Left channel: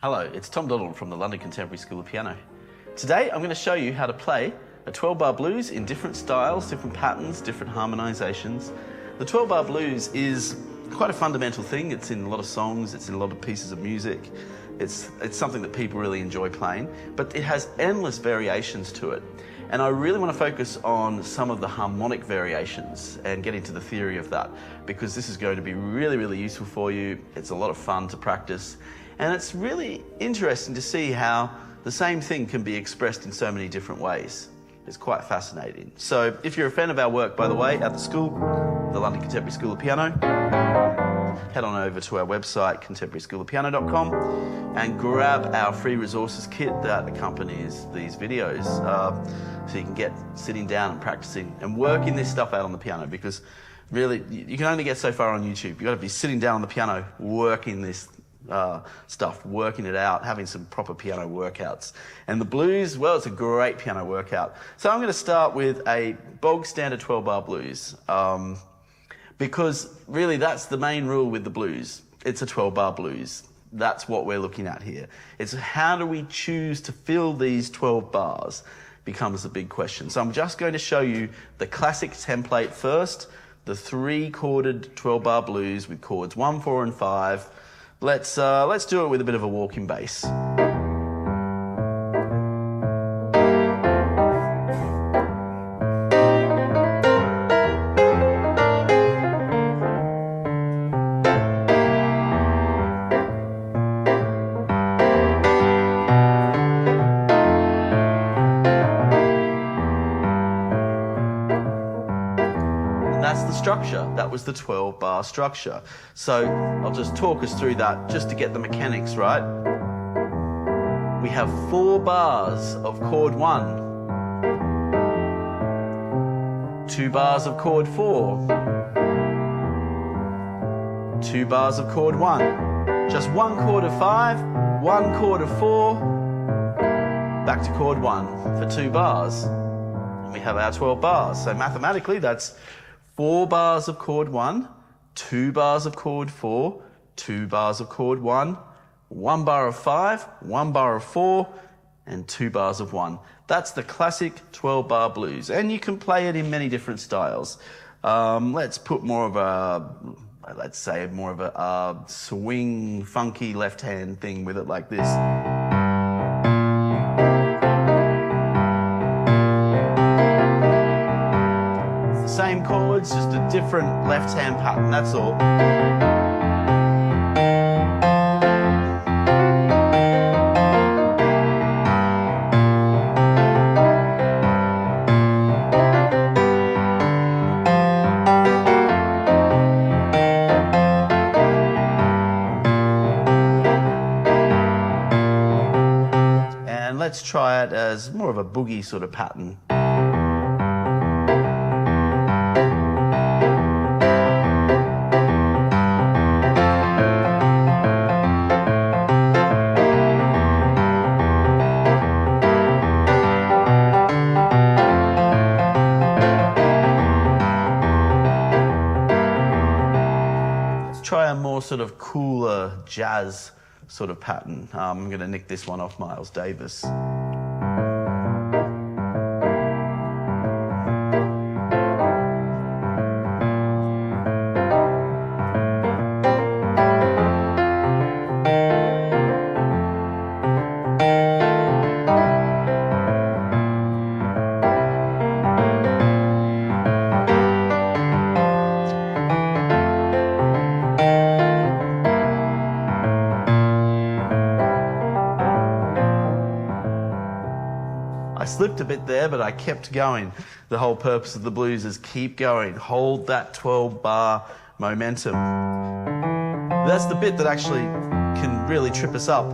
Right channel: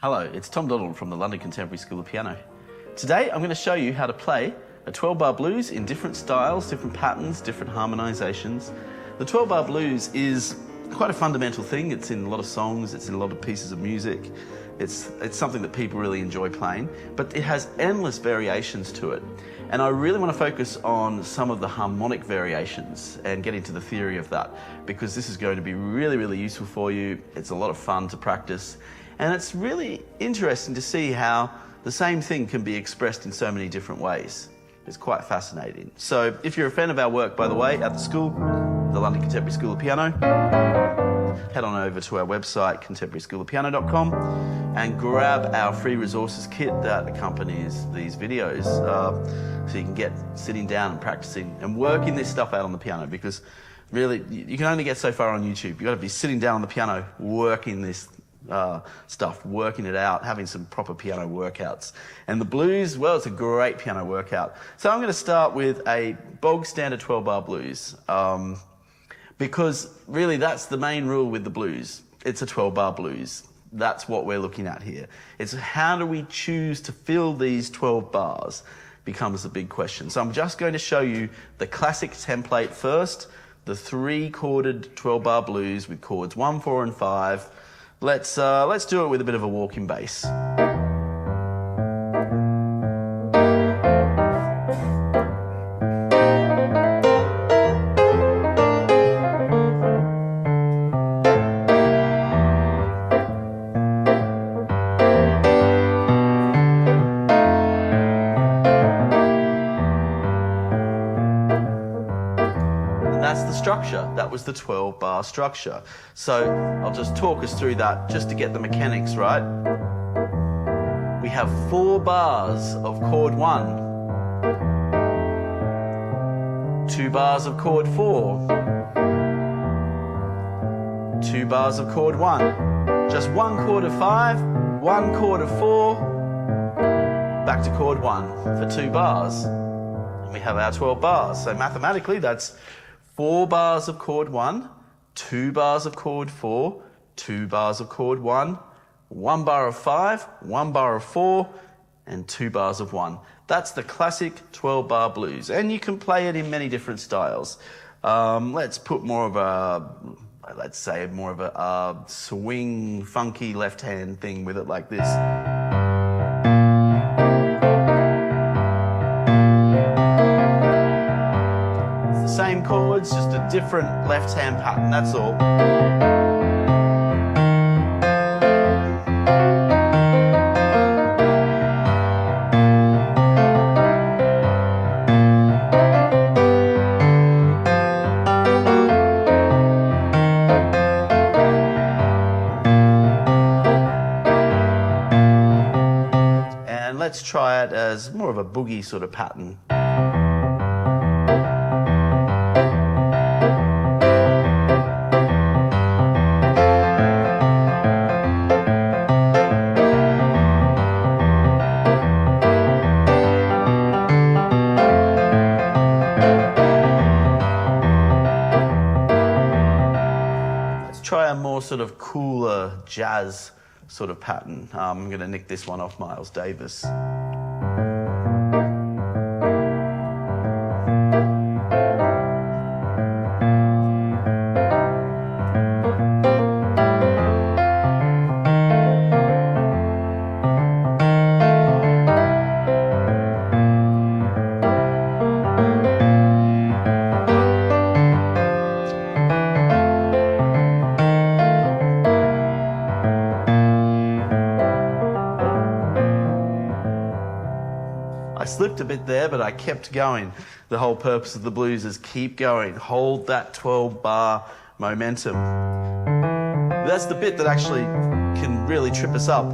Hello, it's Tom Donald from the London Contemporary School of Piano. Today I'm going to show you how to play a 12-bar blues in different styles, different patterns, different harmonizations. The 12-bar blues is quite a fundamental thing. It's in a lot of songs, it's in a lot of pieces of music. It's something that people really enjoy playing, but it has endless variations to it. And I really want to focus on some of the harmonic variations and get into the theory of that, because this is going to be really, really useful for you. It's a lot of fun to practice. And it's really interesting to see how the same thing can be expressed in so many different ways. It's quite fascinating. So if you're a fan of our work, by the way, at the school, the London Contemporary School of Piano, head on over to our website, contemporaryschoolofpiano.com, and grab our free resources kit that accompanies these videos, so you can get sitting down and practicing and working this stuff out on the piano, because really, you can only get so far on YouTube. You've got to be sitting down on the piano, working this stuff, working it out, having some proper piano workouts. And the blues, well, it's a great piano workout. So I'm going to start with a bog standard 12-bar blues, because really that's the main rule with the blues. It's a 12-bar blues. That's what we're looking at here. It's how do we choose to fill these 12 bars becomes the big question. So I'm just going to show you the classic template first, the 3-chorded 12-bar blues with chords 1, 4, and 5. Let's do it with a bit of a walking bass. That's the structure. That was the 12-bar structure. So I'll just talk us through that just to get the mechanics right. We have 4 bars of chord 1, 2 bars of chord 4, 2 bars of chord 1, just 1 chord of 5, 1 chord of 4, back to chord 1 for 2 bars. And we have our 12 bars. So mathematically, that's 4 bars of chord 1, 2 bars of chord 4, 2 bars of chord 1, 1 bar of 5, 1 bar of 4, and 2 bars of 1. That's the classic 12-bar blues, and you can play it in many different styles. Let's put more of a, let's say more of a swing, funky left-hand thing with it like this. Same chords, just a different left-hand pattern, that's all. And let's try it as more of a boogie sort of pattern. Try a more sort of cooler jazz sort of pattern. I'm going to nick this one off Miles Davis. I slipped a bit there, but I kept going. The whole purpose of the blues is keep going, hold that 12-bar momentum. That's the bit that actually can really trip us up,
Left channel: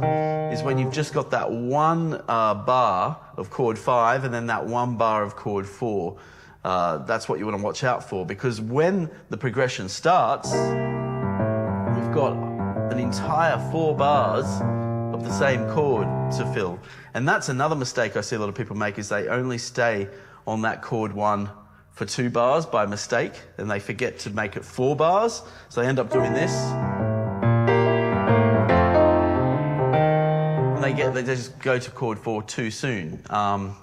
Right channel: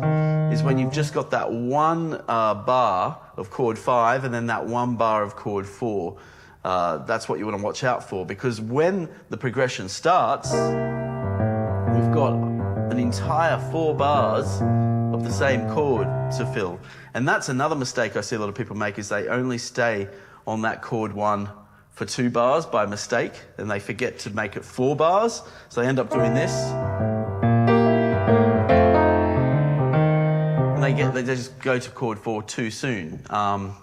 is when you've just got that 1 bar of chord 5 and then that 1 bar of chord 4. That's what you want to watch out for, because when the progression starts, we've got an entire 4 bars of the same chord to fill. And that's another mistake I see a lot of people make, is they only stay on that chord 1 for 2 bars by mistake, and they forget to make it 4 bars, so they end up doing this. they just go to chord 4 too soon.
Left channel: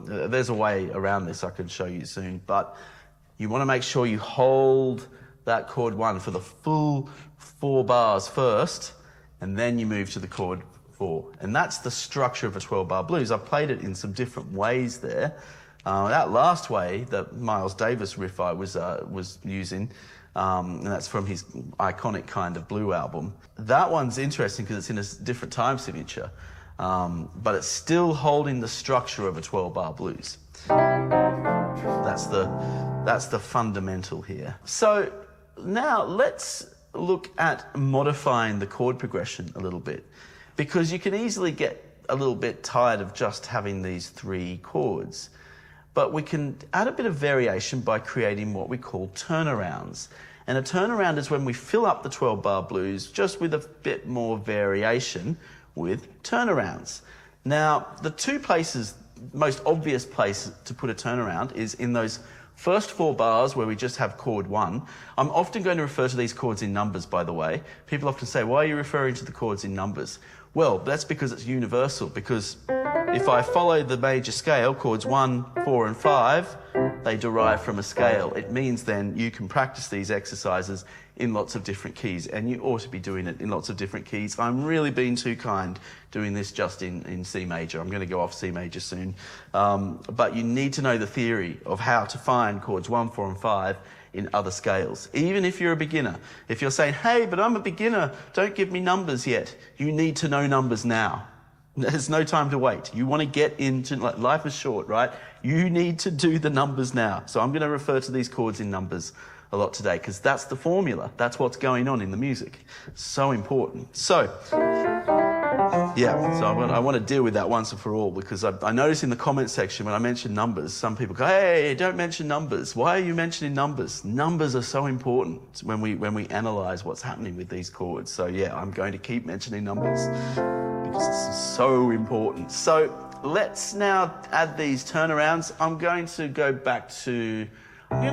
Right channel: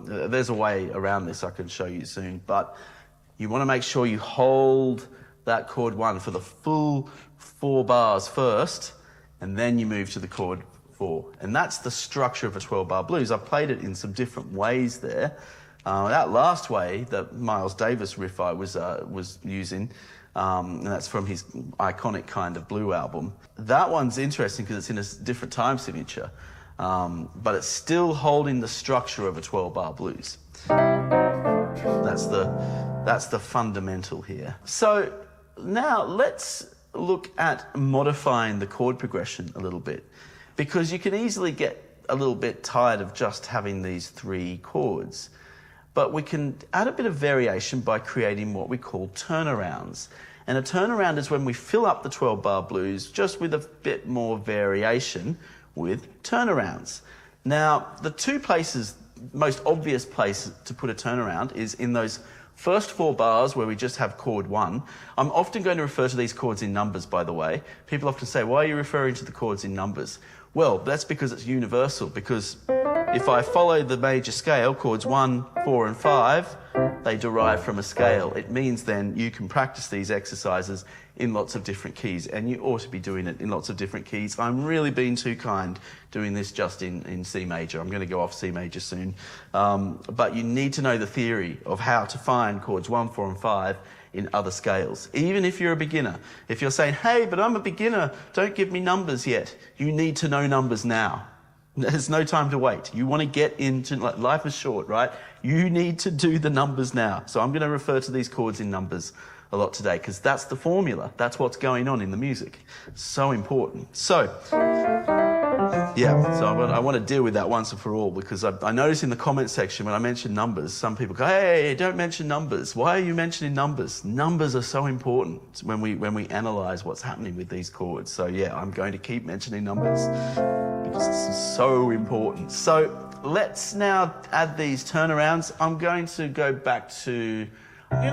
There's a way around this I can show you soon, but you want to make sure you hold that chord 1 for the full 4 bars first, and then you move to the chord 4. And that's the structure of a 12-bar blues. I've played it in some different ways there. That last way, that Miles Davis riff I was using, and that's from his iconic Kind of Blue album. That one's interesting because it's in a different time signature, but it's still holding the structure of a 12-bar blues. That's the fundamental here. So now let's look at modifying the chord progression a little bit, because you can easily get a little bit tired of just having these 3 chords. But we can add a bit of variation by creating what we call turnarounds. And a turnaround is when we fill up the 12-bar blues just with a bit more variation with turnarounds. Now, the 2 places, most obvious place to put a turnaround is in those first 4 bars where we just have chord 1. I'm often going to refer to these chords in numbers, by the way. People often say, why are you referring to the chords in numbers? Well, that's because it's universal, because if I follow the major scale, chords 1, 4 and 5, they derive from a scale. It means then you can practice these exercises in lots of different keys, and you ought to be doing it in lots of different keys. I'm really being too kind doing this just in C major. I'm going to go off C major soon. But you need to know the theory of how to find chords 1, 4 and 5 in other scales. Even if you're a beginner. If you're saying, hey, but I'm a beginner, don't give me numbers yet. You need to know numbers now. There's no time to wait. You want to get into, like, life is short, right? You need to do the numbers now. So I'm going to refer to these chords in numbers a lot today, because that's the formula. That's what's going on in the music. So important. So, yeah, so I want to deal with that once and for all, because I notice in the comment section when I mention numbers, some people go, hey, don't mention numbers. Why are you mentioning numbers? Numbers are so important when we analyze what's happening with these chords. So yeah, I'm going to keep mentioning numbers, because it's so important. So let's now add these turnarounds. I'm going to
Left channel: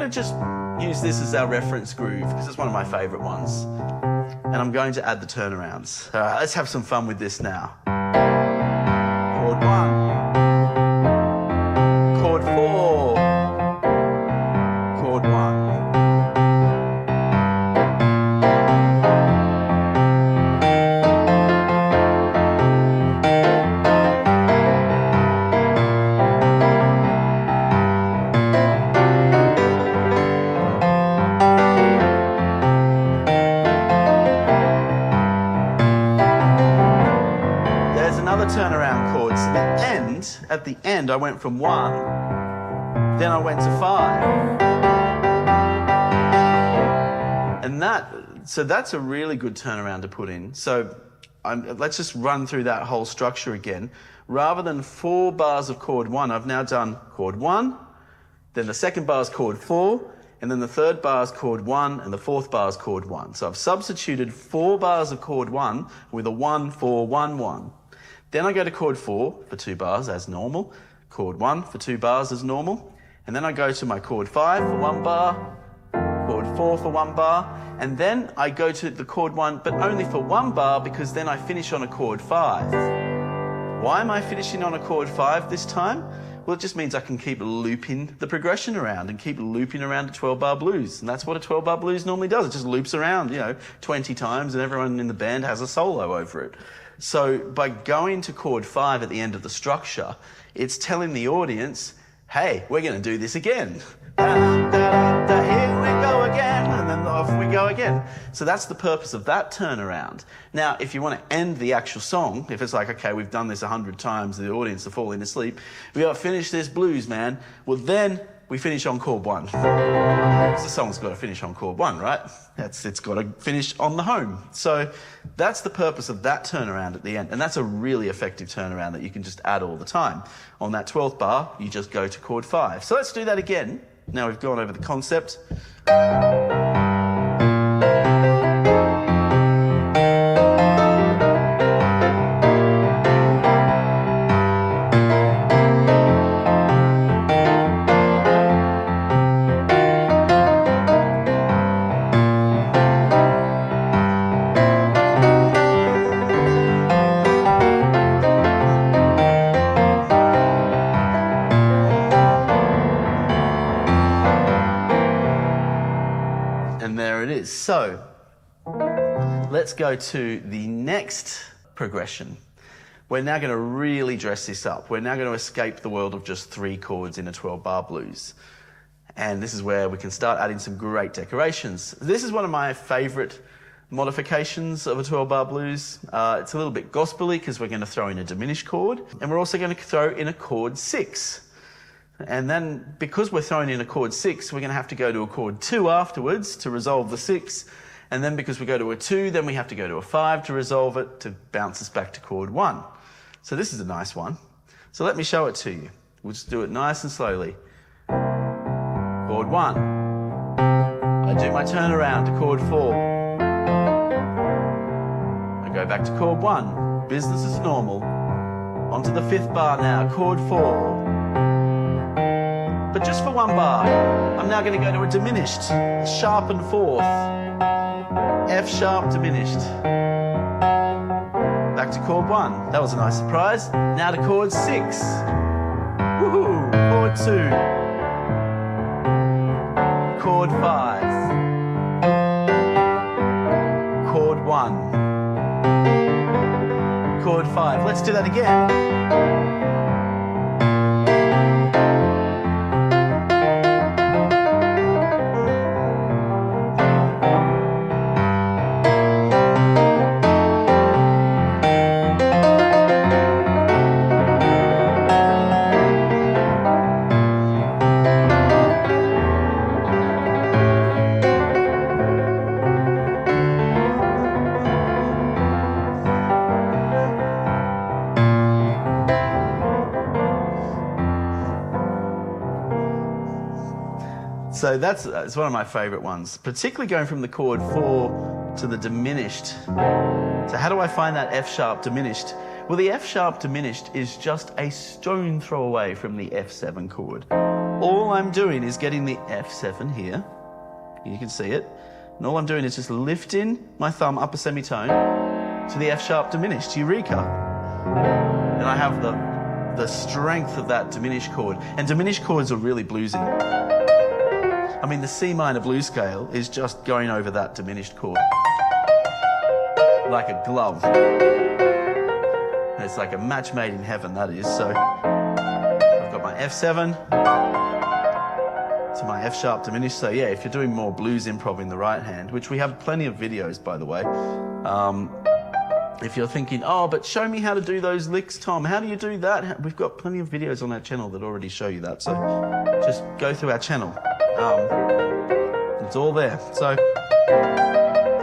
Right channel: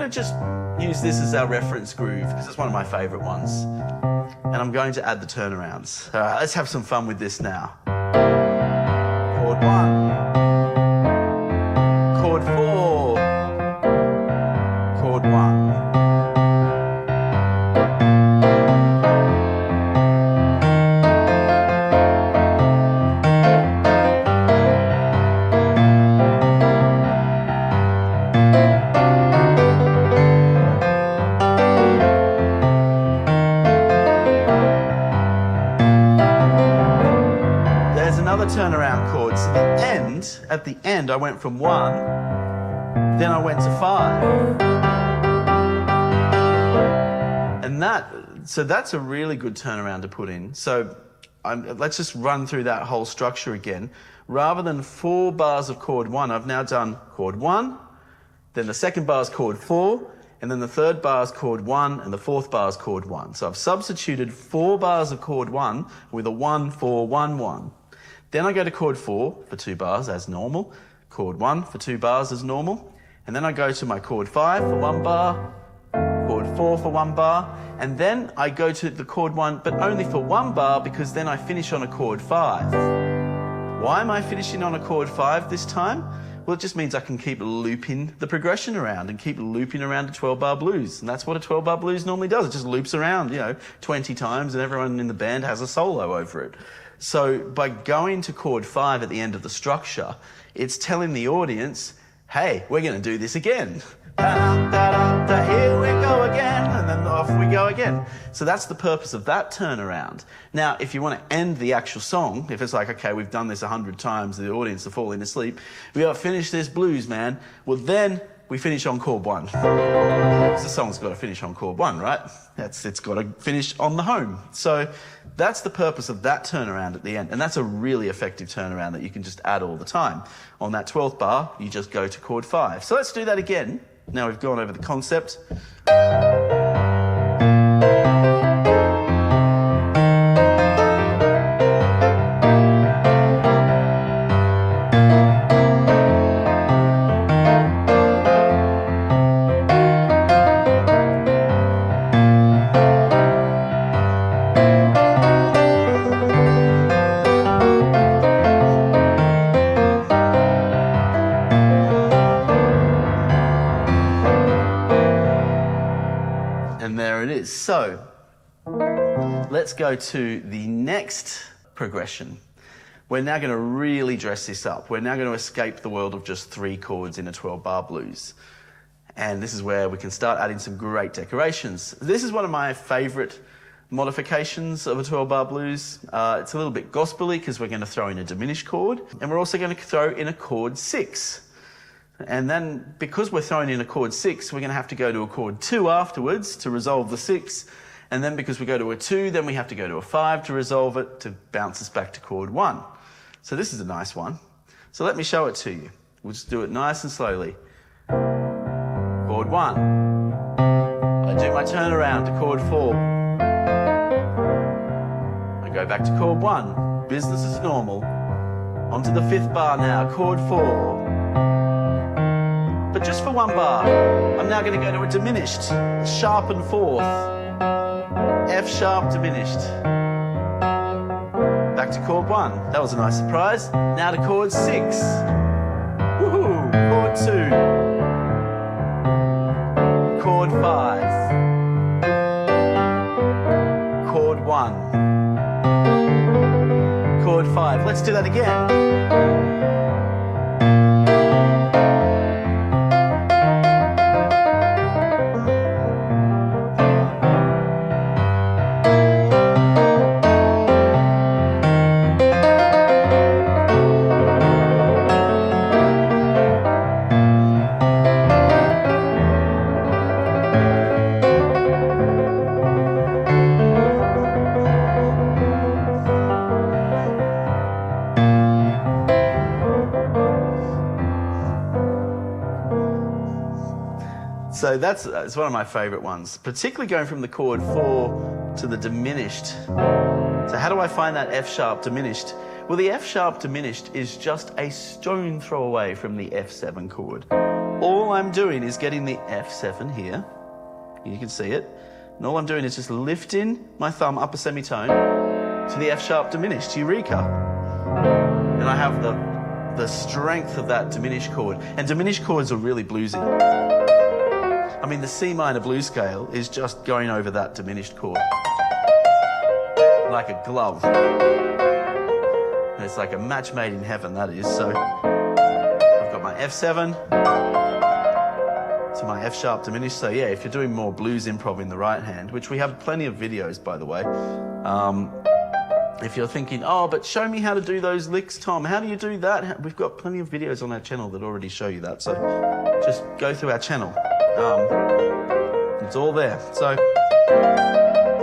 just use this as our reference groove, because it's one of my favorite ones. And I'm going to add the turnarounds. All right, let's have some fun with this now. Chord 1. Chord 4. Chord 1. There's another turnaround chord. So at the end, I went from 1, then I went to 5. And that's a really good turnaround to put in. So let's just run through that whole structure again. Rather than 4 bars of chord 1, I've now done chord 1, then the second bar is chord 4, and then the third bar is chord 1, and the fourth bar is chord 1. So I've substituted 4 bars of chord 1 with a 1, 4, 1, 1. Then I go to chord 4 for 2 bars as normal, chord 1 for 2 bars as normal, and then I go to my chord 5 for 1 bar, chord 4 for 1 bar, and then I go to the chord 1, but only for 1 bar, because then I finish on a chord 5. Why am I finishing on a chord 5 this time? Well, it just means I can keep looping the progression around and keep looping around a 12-bar blues. And that's what a 12-bar blues normally does. It just loops around, 20 times, and everyone in the band has a solo over it. So by going to chord 5 at the end of the structure, it's telling the audience, hey, we're going to do this again. Da-da-da-da-da, here we go again, and then off we go again. So that's the purpose of that turnaround. Now, if you want to end the actual song, if it's like, okay, we've done this 100 times, the audience are falling asleep, we got to finish this blues, man. Well, then we finish on chord 1. The song's got to finish on chord 1, right? It's got to finish on the home. So that's the purpose of that turnaround at the end. And that's a really effective turnaround that you can just add all the time. On that 12th bar, you just go to chord 5. So let's do that again. Now we've gone over the concept. and there it is. So let's go to the next progression. We're now going to really dress this up. We're now going to escape the world of just 3 chords in a 12-bar blues. And this is where we can start adding some great decorations. This is one of my favorite modifications of a 12-bar blues. It's a little bit gospel-y because we're going to throw in a diminished chord, and we're also going to throw in a chord 6. And then, because we're throwing in a chord 6, we're going to have to go to a chord 2 afterwards to resolve the 6. And then because we go to a 2, then we have to go to a 5 to resolve it, to bounce us back to chord 1. So this is a nice one. So let me show it to you. We'll just do it nice and slowly. Chord 1. I do my turnaround to chord 4. I go back to chord 1. Business as normal. Onto the 5th bar now, chord 4. But just for 1 bar, I'm now going to go to a diminished, sharpened 4th. F sharp diminished. Back to chord 1. That was a nice surprise. Now to chord 6. Woohoo! Chord 2. Chord 5. Chord 1. Chord 5. Let's do that again. So it's one of my favourite ones, particularly going from the chord 4 to the diminished. So how do I find that F sharp diminished? Well, the F sharp diminished is just a stone throw away from the F7 chord. All I'm doing is getting the F7 here. You can see it. And all I'm doing is just lifting my thumb upper semitone to the F sharp diminished, Eureka. And I have the strength of that diminished chord. And diminished chords are really bluesy. I mean, the C minor blues scale is just going over that diminished chord. Like a glove. It's like a match made in heaven, that is. So I've got my F7 to my F sharp diminished. So yeah, if you're doing more blues improv in the right hand, which we have plenty of videos, by the way. If you're thinking, oh, but show me how to do those licks, Tom. How do you do that? We've got plenty of videos on our channel that already show you that. So just go through our channel. It's all there. So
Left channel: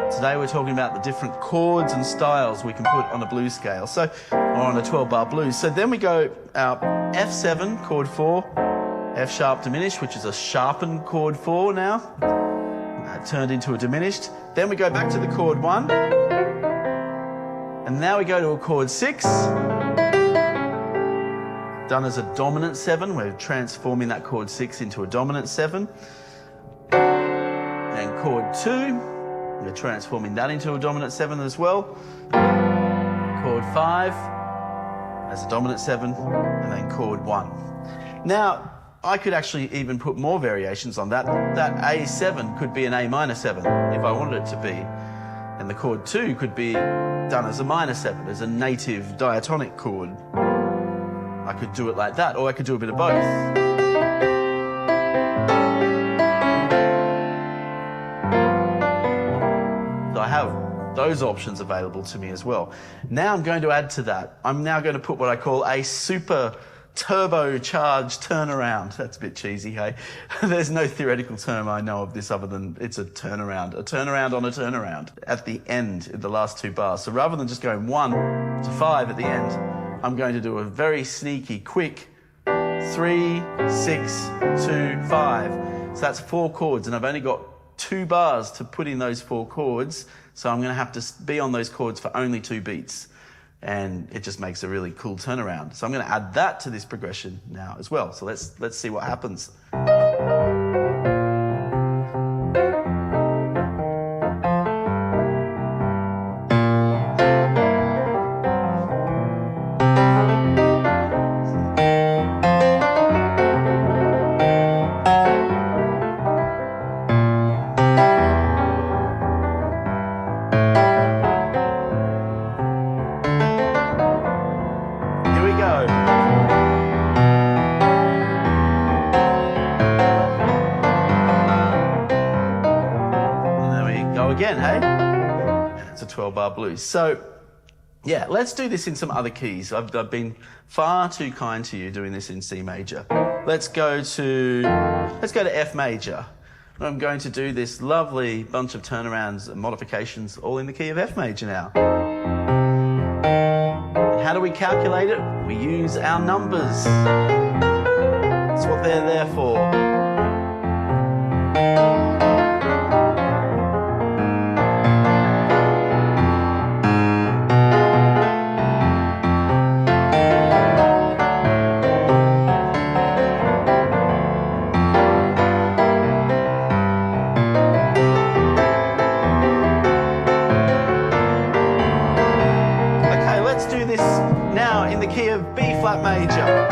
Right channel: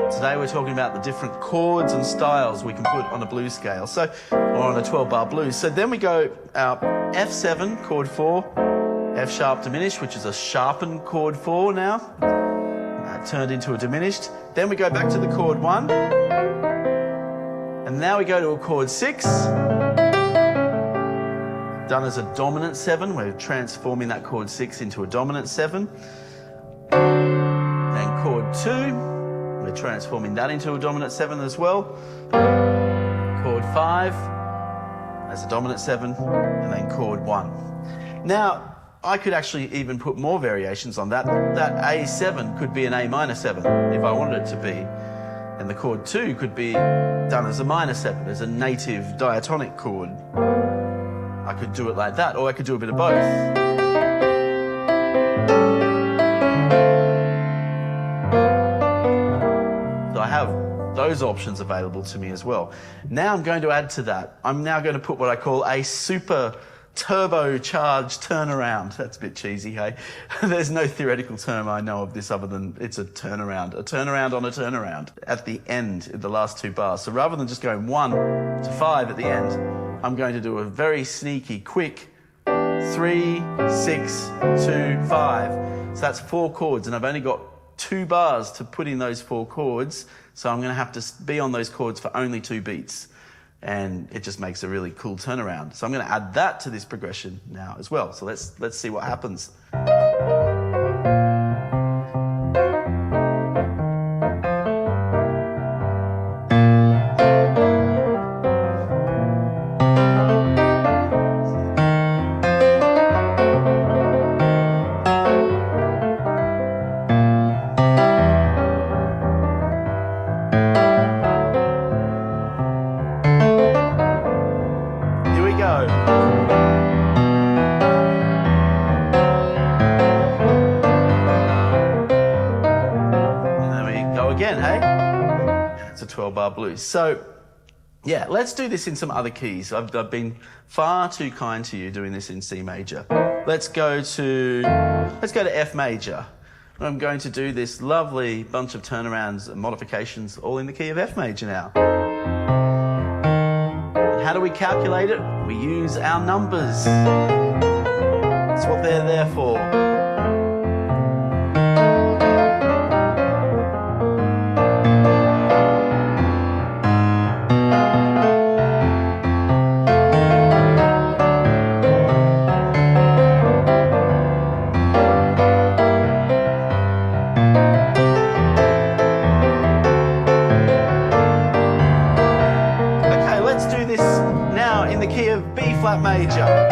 today we're talking about the different chords and styles we can put on a blues scale, or on a 12-bar blues. So then we go our F7, chord 4, F sharp diminished, which is a sharpened chord 4 now, turned into a diminished. Then we go back to the chord 1, and now we go to a chord 6, done as a dominant 7. We're transforming that chord 6 into a dominant 7. Then chord 2, we're transforming that into a dominant 7 as well. Chord 5 as a dominant 7, and then chord 1. Now, I could actually even put more variations on that. That A7 could be an A minor 7 if I wanted it to be. And the chord 2 could be done as a minor 7, as a native diatonic chord. I could do it like that, or I could do a bit of both. So I have those options available to me as well. Now I'm going to add to that. I'm now going to put what I call a super turbocharged turnaround. That's a bit cheesy, hey? There's no theoretical term I know of this other than it's a turnaround on a turnaround at the end, in the last 2 bars. So rather than just going 1 to 5 at the end, I'm going to do a very sneaky, quick 3, 6, 2, 5. So that's 4 chords, and I've only got 2 bars to put in those 4 chords. So I'm going to have to be on those chords for only 2 beats. And it just makes a really cool turnaround. So I'm going to add that to this progression now as well. So let's see what happens. go. And there we go again, hey? It's a 12-bar blues. So, yeah, let's do this in some other keys. I've been far too kind to you doing this in C major. Let's go to F major. I'm going to do this lovely bunch of turnarounds and modifications all in the key of F major now. And how do we calculate it? We use our numbers. That's what they're there for. Okay, let's do this now in the key of B flat major.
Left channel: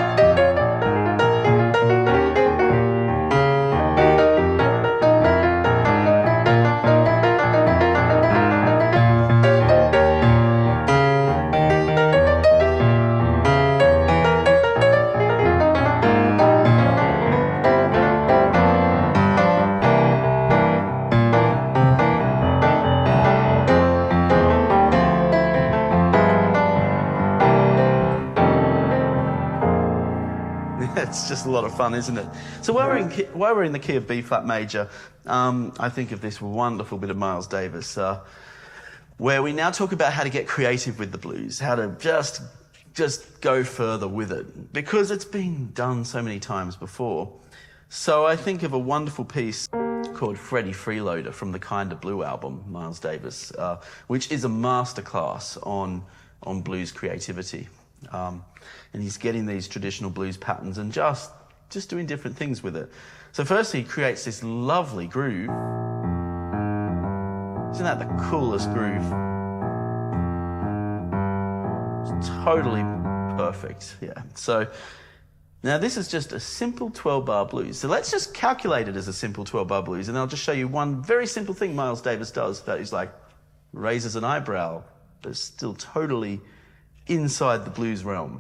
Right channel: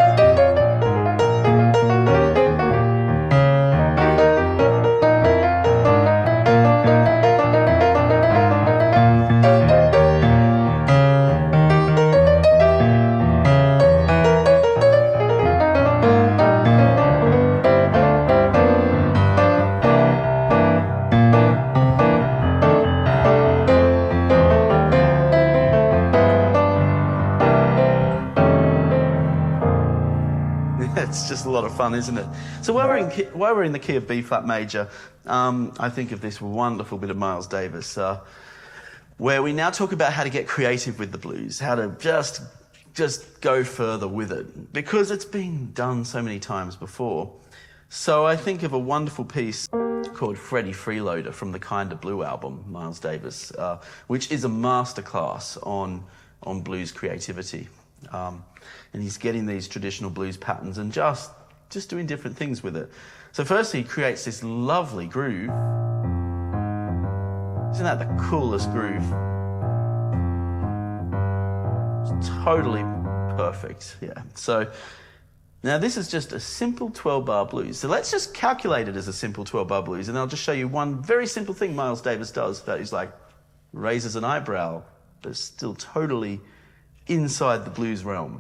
It's just a lot of fun, isn't it? So while we're in the key of B flat major, I think of this wonderful bit of Miles Davis, where we now talk about how to get creative with the blues, how to just go further with it, because it's been done so many times before. So I think of a wonderful piece called Freddie Freeloader from the Kinda Blue album, Miles Davis, which is a masterclass on blues creativity. And he's getting these traditional blues patterns and just doing different things with it. So firstly, he creates this lovely groove. Isn't that the coolest groove? It's totally perfect, yeah. So now this is just a simple 12-bar blues. So let's just calculate it as a simple 12-bar blues, and I'll just show you one very simple thing Miles Davis does that is like raises an eyebrow, but it's still totally inside the blues realm.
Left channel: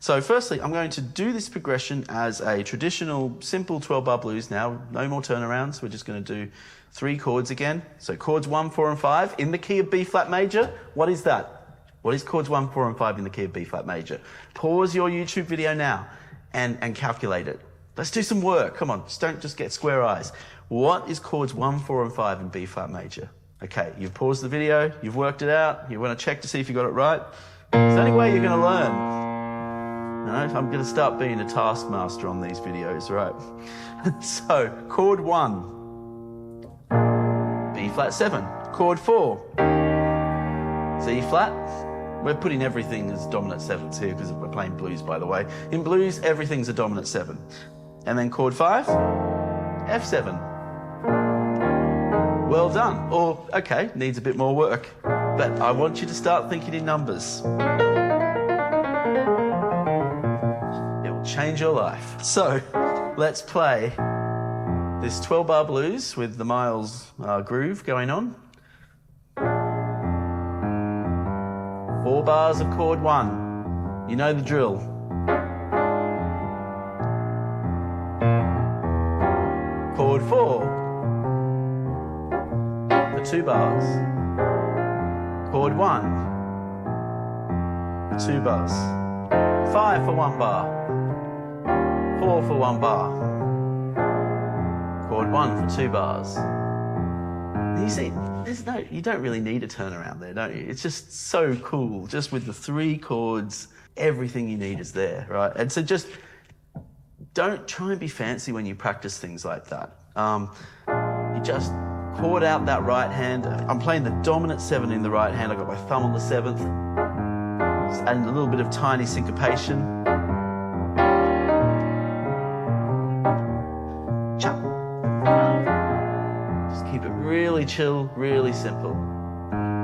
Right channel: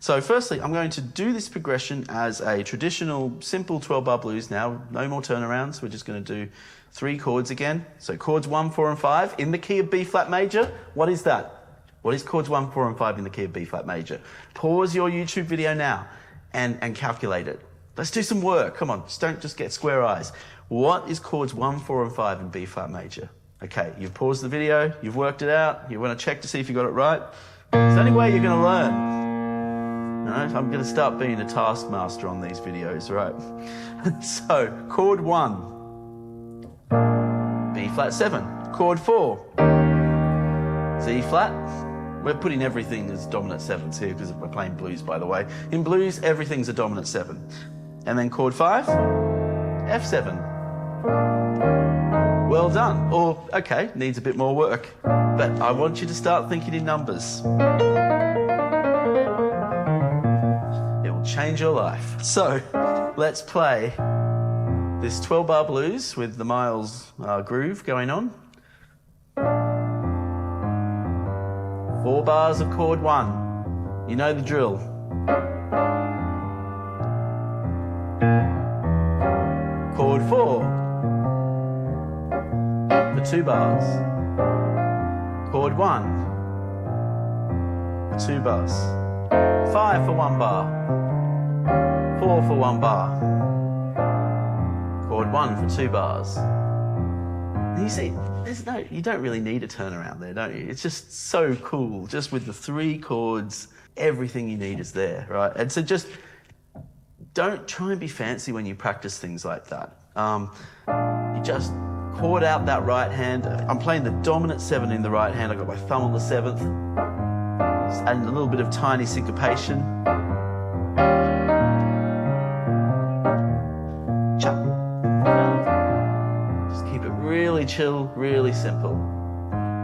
So firstly, I'm going to do this progression as a traditional simple 12-bar blues now. No more turnarounds. We're just going to do 3 chords again. So chords 1, 4, and 5 in the key of B flat major. What is that? What is chords 1, 4, and 5 in the key of B flat major? Pause your YouTube video now and calculate it. Let's do some work. Come on, don't just get square eyes. What is chords 1, 4, and 5 in B flat major? Okay, you've paused the video, you've worked it out, you want to check to see if you got it right. It's the only way you're going to learn. No, I'm going to start being a taskmaster on these videos, right? So, chord 1, B flat 7. Chord 4, C flat. We're putting everything as dominant 7s here because we're playing blues, by the way. In blues, everything's a dominant 7. And then chord 5, F7. Well done. Or, okay, needs a bit more work. But I want you to start thinking in numbers. It will change your life. So, let's play this 12-bar blues with the Miles groove going on. 4 bars of chord 1. You know the drill. Chord 4. For 2 bars. Chord 1. For 2 bars. 5 for 1 bar. 4 for 1 bar. Chord 1 for 2 bars. And you see, you don't really need a turnaround there, don't you? It's just so cool. Just with the 3 chords, everything you need is there, right? And so just don't try and be fancy when you practice things like that. You just chord out that right hand. I'm playing the dominant 7 in the right hand. I've got my thumb on the 7th. Just adding a little bit of tiny syncopation. Chop. Just keep it really chill, really simple.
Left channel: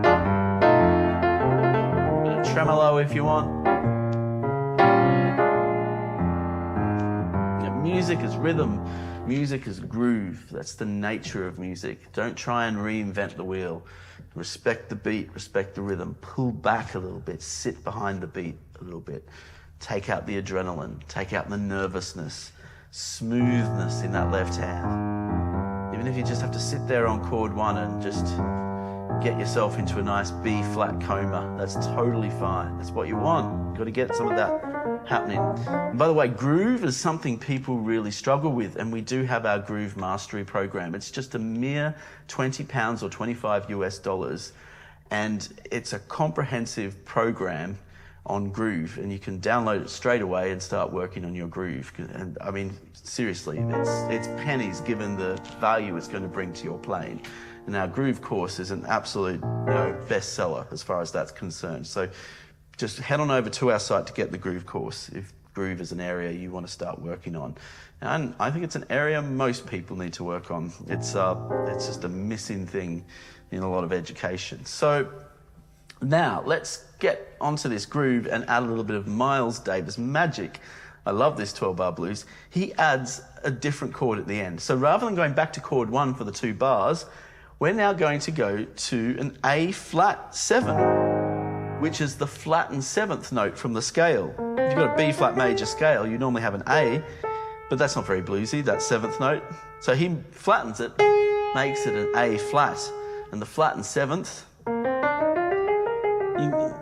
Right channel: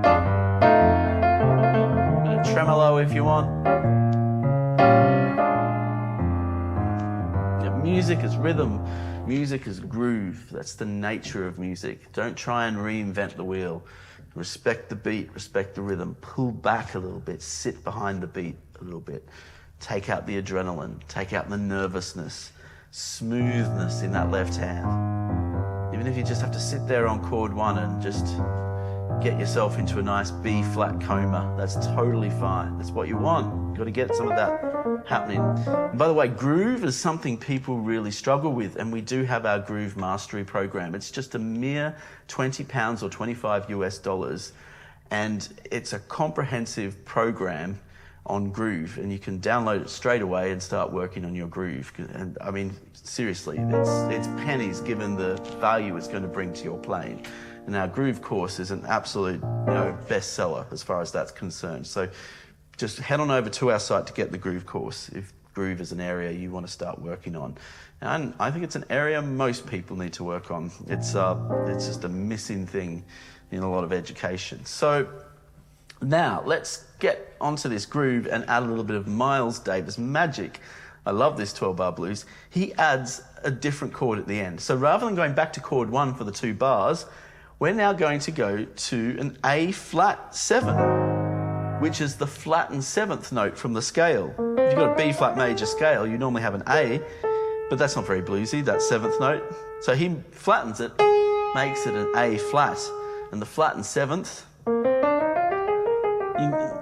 A bit of tremolo if you want. Music is rhythm. Music is groove. That's the nature of music. Don't try and reinvent the wheel. Respect the beat, respect the rhythm. Pull back a little bit. Sit behind the beat a little bit. take out the adrenaline, take out the nervousness, smoothness in that left hand. Even if you just have to sit there on chord 1 and just get yourself into a nice B flat coma, that's totally fine. That's what you want. You've got to get some of that happening. And by the way, groove is something people really struggle with, and we do have our groove mastery program. It's just a mere £20 or 25 US dollars, and it's a comprehensive program on groove, and you can download it straight away and start working on your groove. And I mean, seriously, it's pennies given the value it's going to bring to your playing. And our groove course is an absolute, bestseller as far as that's concerned. So just head on over to our site to get the groove course if groove is an area you want to start working on. And I think it's an area most people need to work on. It's just a missing thing in a lot of education. So now let's get onto this groove and add a little bit of Miles Davis magic. I love this 12-bar blues. He adds a different chord at the end. So rather than going back to chord 1 for the 2 bars, we're now going to go to an A flat 7, which is the flattened 7th note from the scale. If you've got a B flat major scale, you normally have an A, but that's not very bluesy, that 7th note. So he flattens it, makes it an A flat, and the flattened 7th,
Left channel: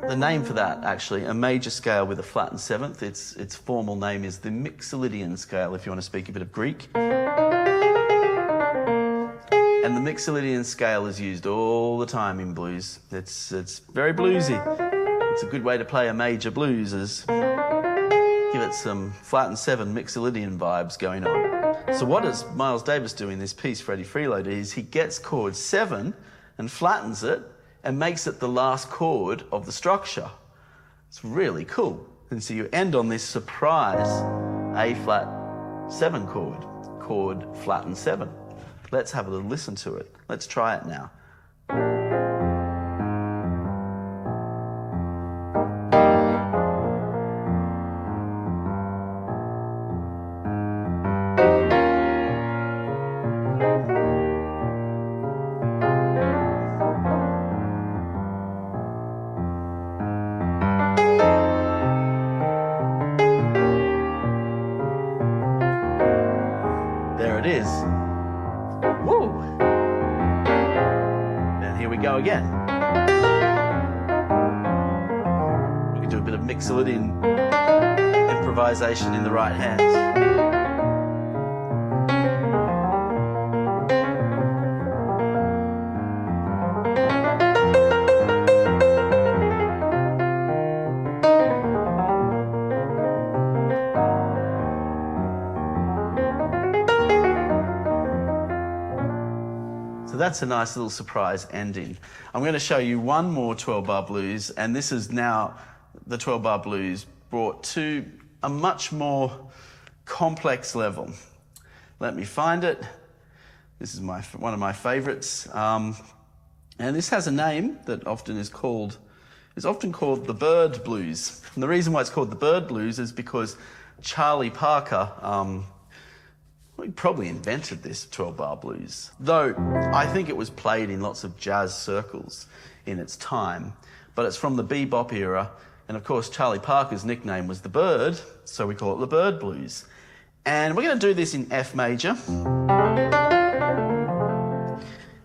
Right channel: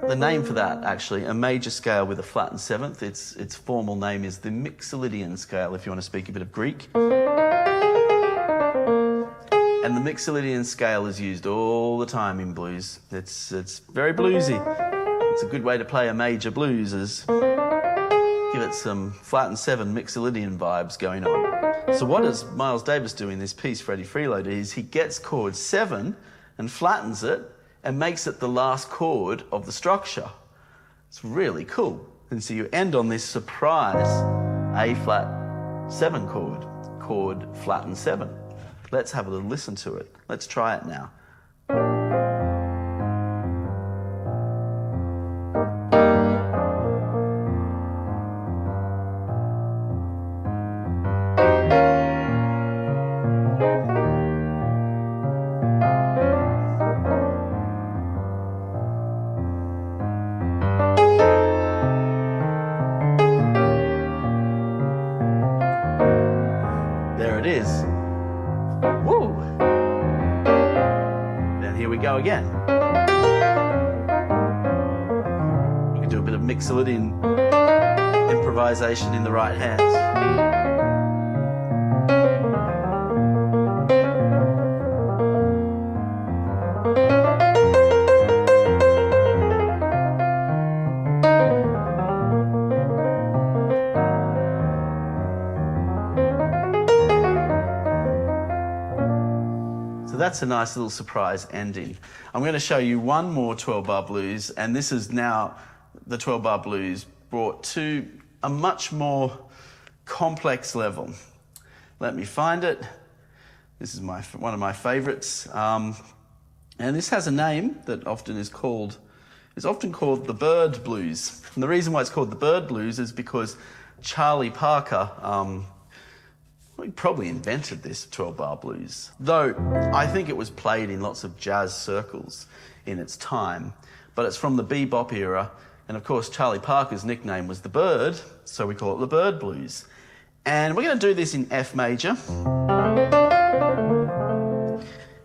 the name for that, actually, a major scale with a flattened 7th, its formal name is the Mixolydian scale, if you want to speak a bit of Greek. And the Mixolydian scale is used all the time in blues. It's very bluesy. It's a good way to play a major blues, is give it some flattened 7 Mixolydian vibes going on. So what does Miles Davis do in this piece, Freddie Freeloader, is he gets chord 7 and flattens it and makes it the last chord of the structure. It's really cool. And so you end on this surprise A flat 7 chord flattened 7. Let's have a little listen to it. Let's try it now. There it is. Woo! Then here we go again. We can do a bit of Mixolydian improvisation in the right hands. So that's a nice little surprise ending. I'm going to show you one more 12-bar blues, and this is now the 12-bar blues brought to a much more complex level. Let me find it. This is one of my favorites. And this has a name that is often called the Bird Blues. And the reason why it's called the Bird Blues is because Charlie Parker, he probably invented this 12-bar blues, though I think it was played in lots of jazz circles in its time, but it's from the bebop era, and of course Charlie Parker's nickname was the Bird, so we call it the Bird Blues. And we're going to do this in F major,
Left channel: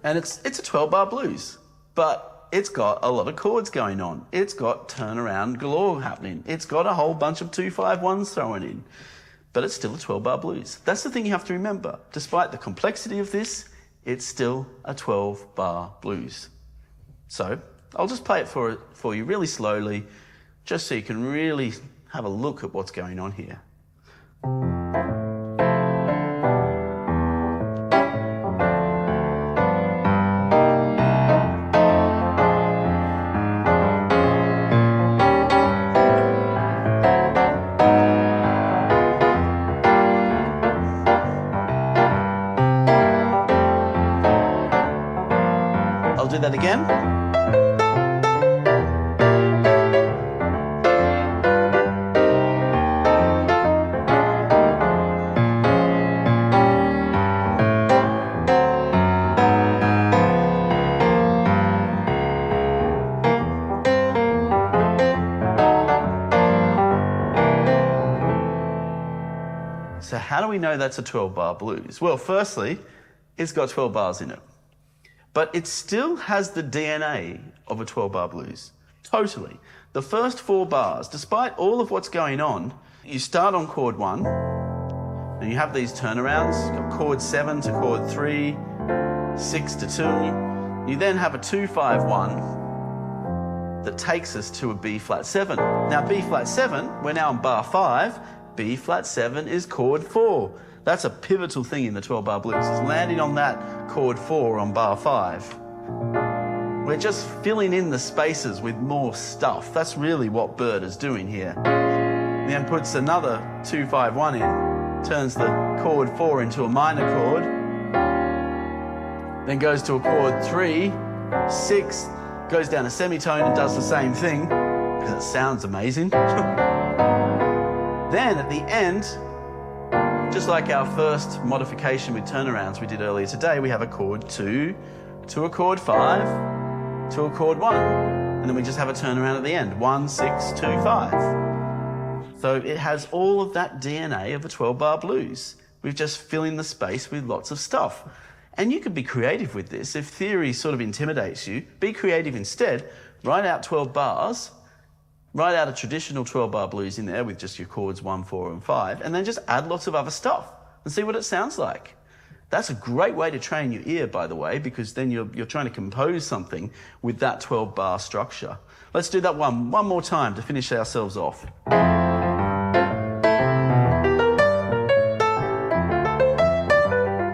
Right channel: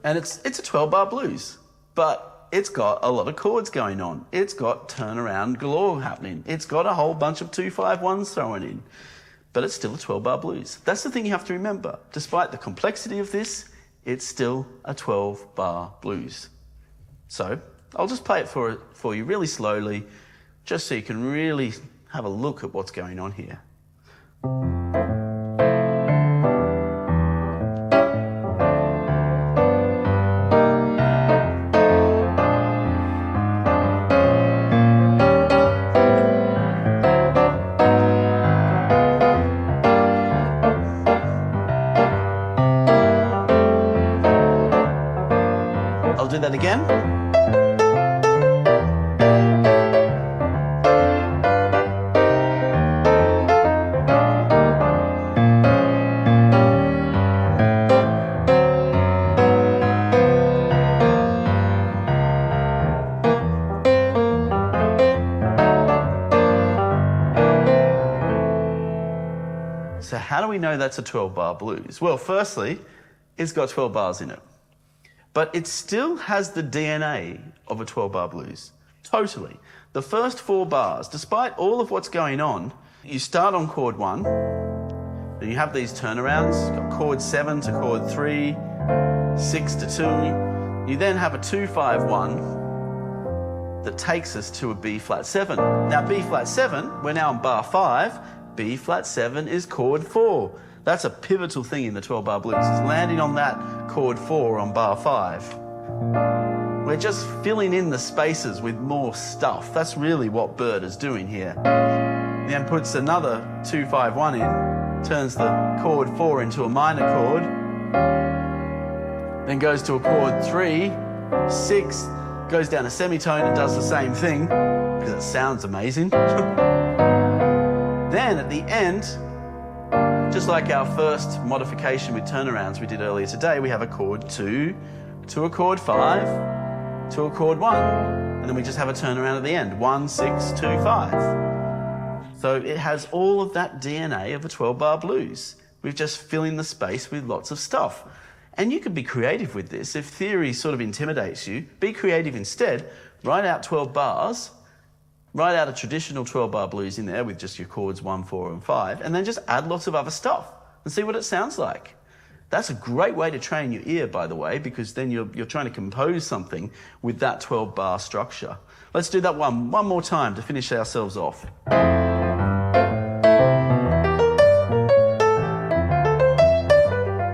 and it's a 12-bar blues, but it's got a lot of chords going on. It's got turnaround galore happening. It's got a whole bunch of 2-5-1s thrown in. But it's still a 12-bar blues. That's the thing you have to remember. Despite the complexity of this, it's still a 12-bar blues. So I'll just play it for you really slowly, just so you can really have a look at what's going on here. I'll do that again. So how do we know that's a 12-bar blues? Well, firstly, it's got 12 bars in it. But it still has the DNA of a 12-bar blues. Totally. The first 4 bars, despite all of what's going on, you start on chord 1, and you have these turnarounds. You've got chord 7 to chord 3, 6 to 2. You then have a 2-5-1 that takes us to a B flat 7. Now B flat 7, we're now on bar 5. B flat 7 is chord 4. That's a pivotal thing in the 12-bar blues. It's landing on that chord 4 on bar 5. We're just filling in the spaces with more stuff. That's really what Bird is doing here. Then puts another 2-5-1 in, turns the chord 4 into a minor chord, then goes to a chord 3, 6, goes down a semitone and does the same thing, because it sounds amazing. Then at the end, just like our first modification with turnarounds we did earlier today, we have a chord 2 to a chord 5 to a chord 1, and then we just have a turnaround at the end, 1, 6, 2, 5. So it has all of that DNA of a 12-bar blues. We're just filling the space with lots of stuff. And you can be creative with this. If theory sort of intimidates you, be creative instead. Write out 12 bars, write out a traditional 12-bar blues in there with just your chords 1, 4, and 5, and then just add lots of other stuff and see what it sounds like. That's a great way to train your ear, by the way, because then you're trying to compose something with that 12-bar structure. Let's do that one more time to finish ourselves off.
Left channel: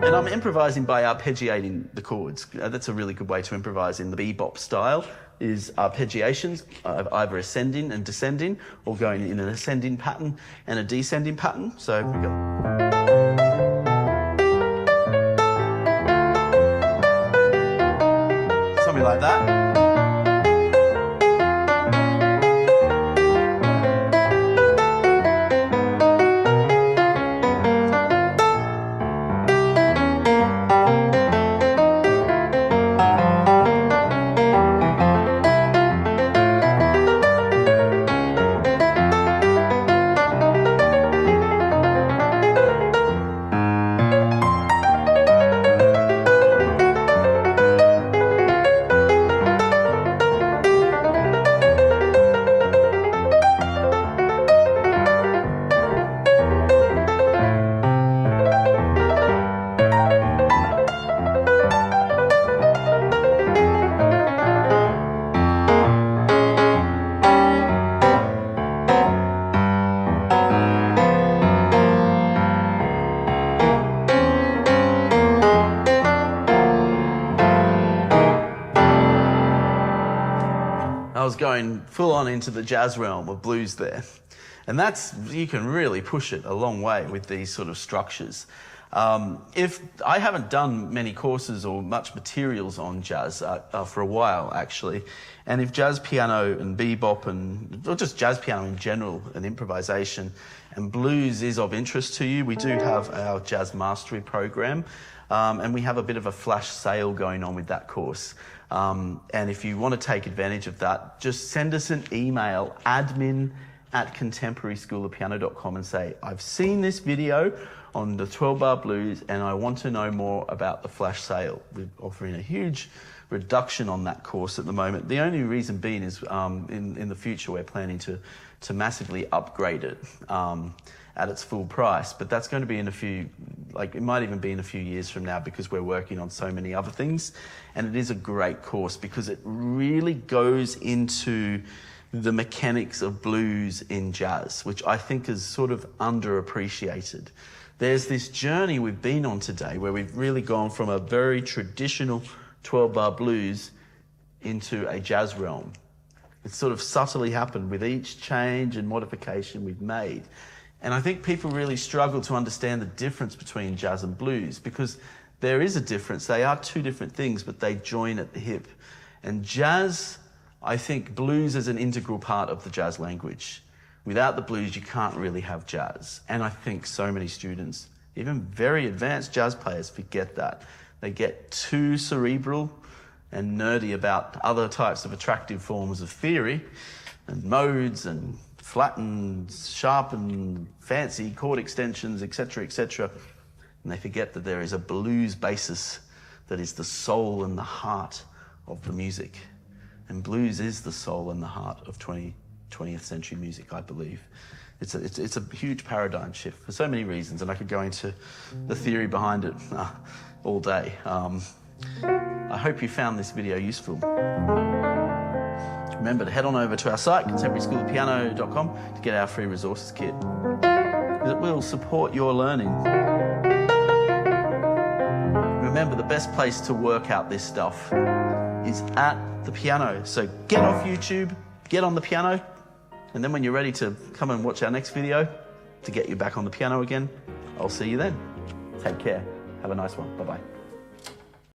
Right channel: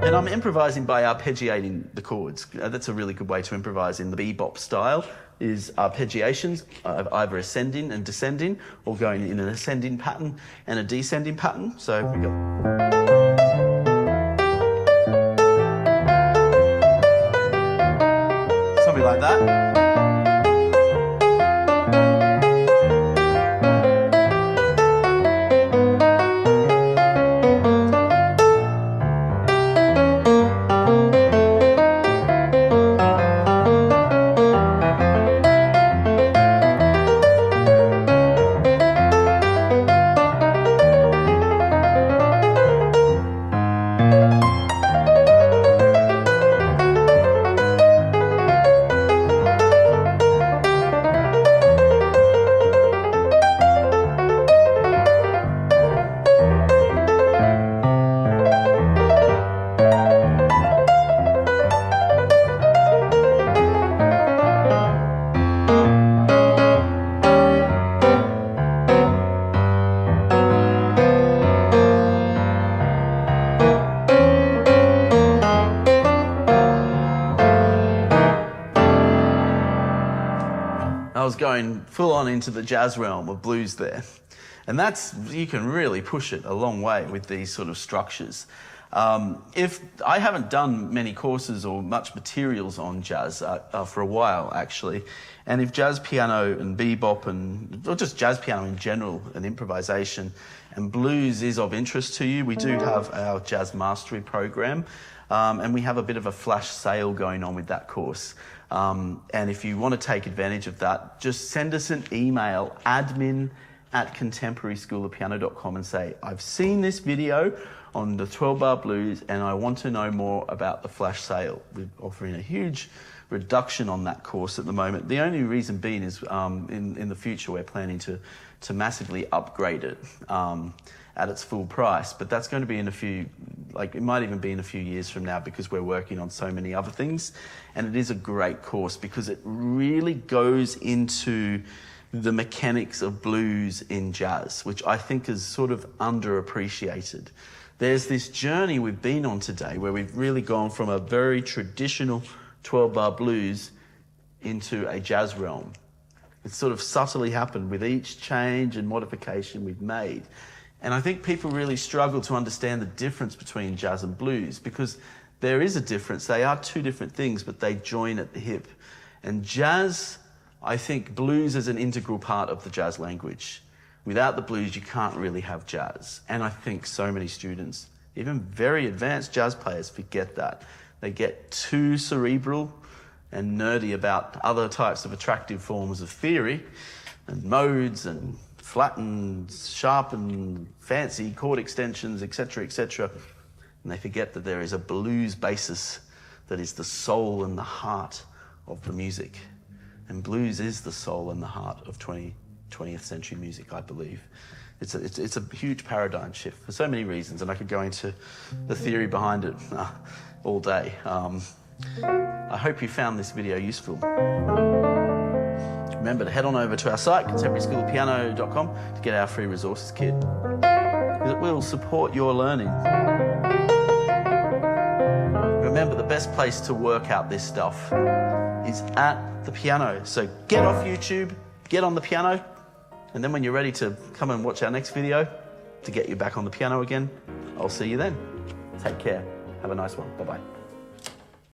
And I'm improvising by arpeggiating the chords. That's a really good way to improvise in the bebop style, is arpeggiations, either ascending and descending, or going in an ascending pattern and a descending pattern. So we go. Something like that. I was going full on into the jazz realm of blues there. And that's, you can really push it a long way with these sort of structures. If I haven't done many courses or much materials on jazz for a while, actually, and if jazz piano and bebop or just jazz piano in general and improvisation and blues is of interest to you, we do have our jazz mastery program, and we have a bit of a flash sale going on with that course. And if you want to take advantage of that, just send us an email, admin@contemporaryschoolofpiano.com, and say, I've seen this video on the 12-bar blues and I want to know more about the flash sale. We're offering a huge reduction on that course at the moment. The only reason being is in the future we're planning to massively upgrade it at its full price, but that's going to be in a few, it might even be in a few years from now, because we're working on so many other things. And it is a great course because it really goes into the mechanics of blues in jazz, which I think is sort of underappreciated. There's this journey we've been on today where we've really gone from a very traditional 12-bar blues into a jazz realm. It's sort of subtly happened with each change and modification we've made. And I think people really struggle to understand the difference between jazz and blues, because there is a difference. They are two different things, but they join at the hip. And jazz, I think blues is an integral part of the jazz language. Without the blues, you can't really have jazz. And I think so many students, even very advanced jazz players, forget that. They get too cerebral and nerdy about other types of attractive forms of theory and modes and flat and sharp and fancy chord extensions, etc., etc. And they forget that there is a blues basis that is the soul and the heart of the music. And blues is the soul and the heart of 20th century music, I believe. It's a huge paradigm shift for so many reasons, and I could go into the theory behind it all day. I hope you found this video useful. Remember to head on over to our site, contemporaryschoolofpiano.com, to get our free resources kit. It will support your learning. Remember, the best place to work out this stuff is at the piano. So get off YouTube, get on the piano, and then when you're ready to come and watch our next video to get you back on the piano again, I'll see you then. Take care. Have a nice one. Bye-bye.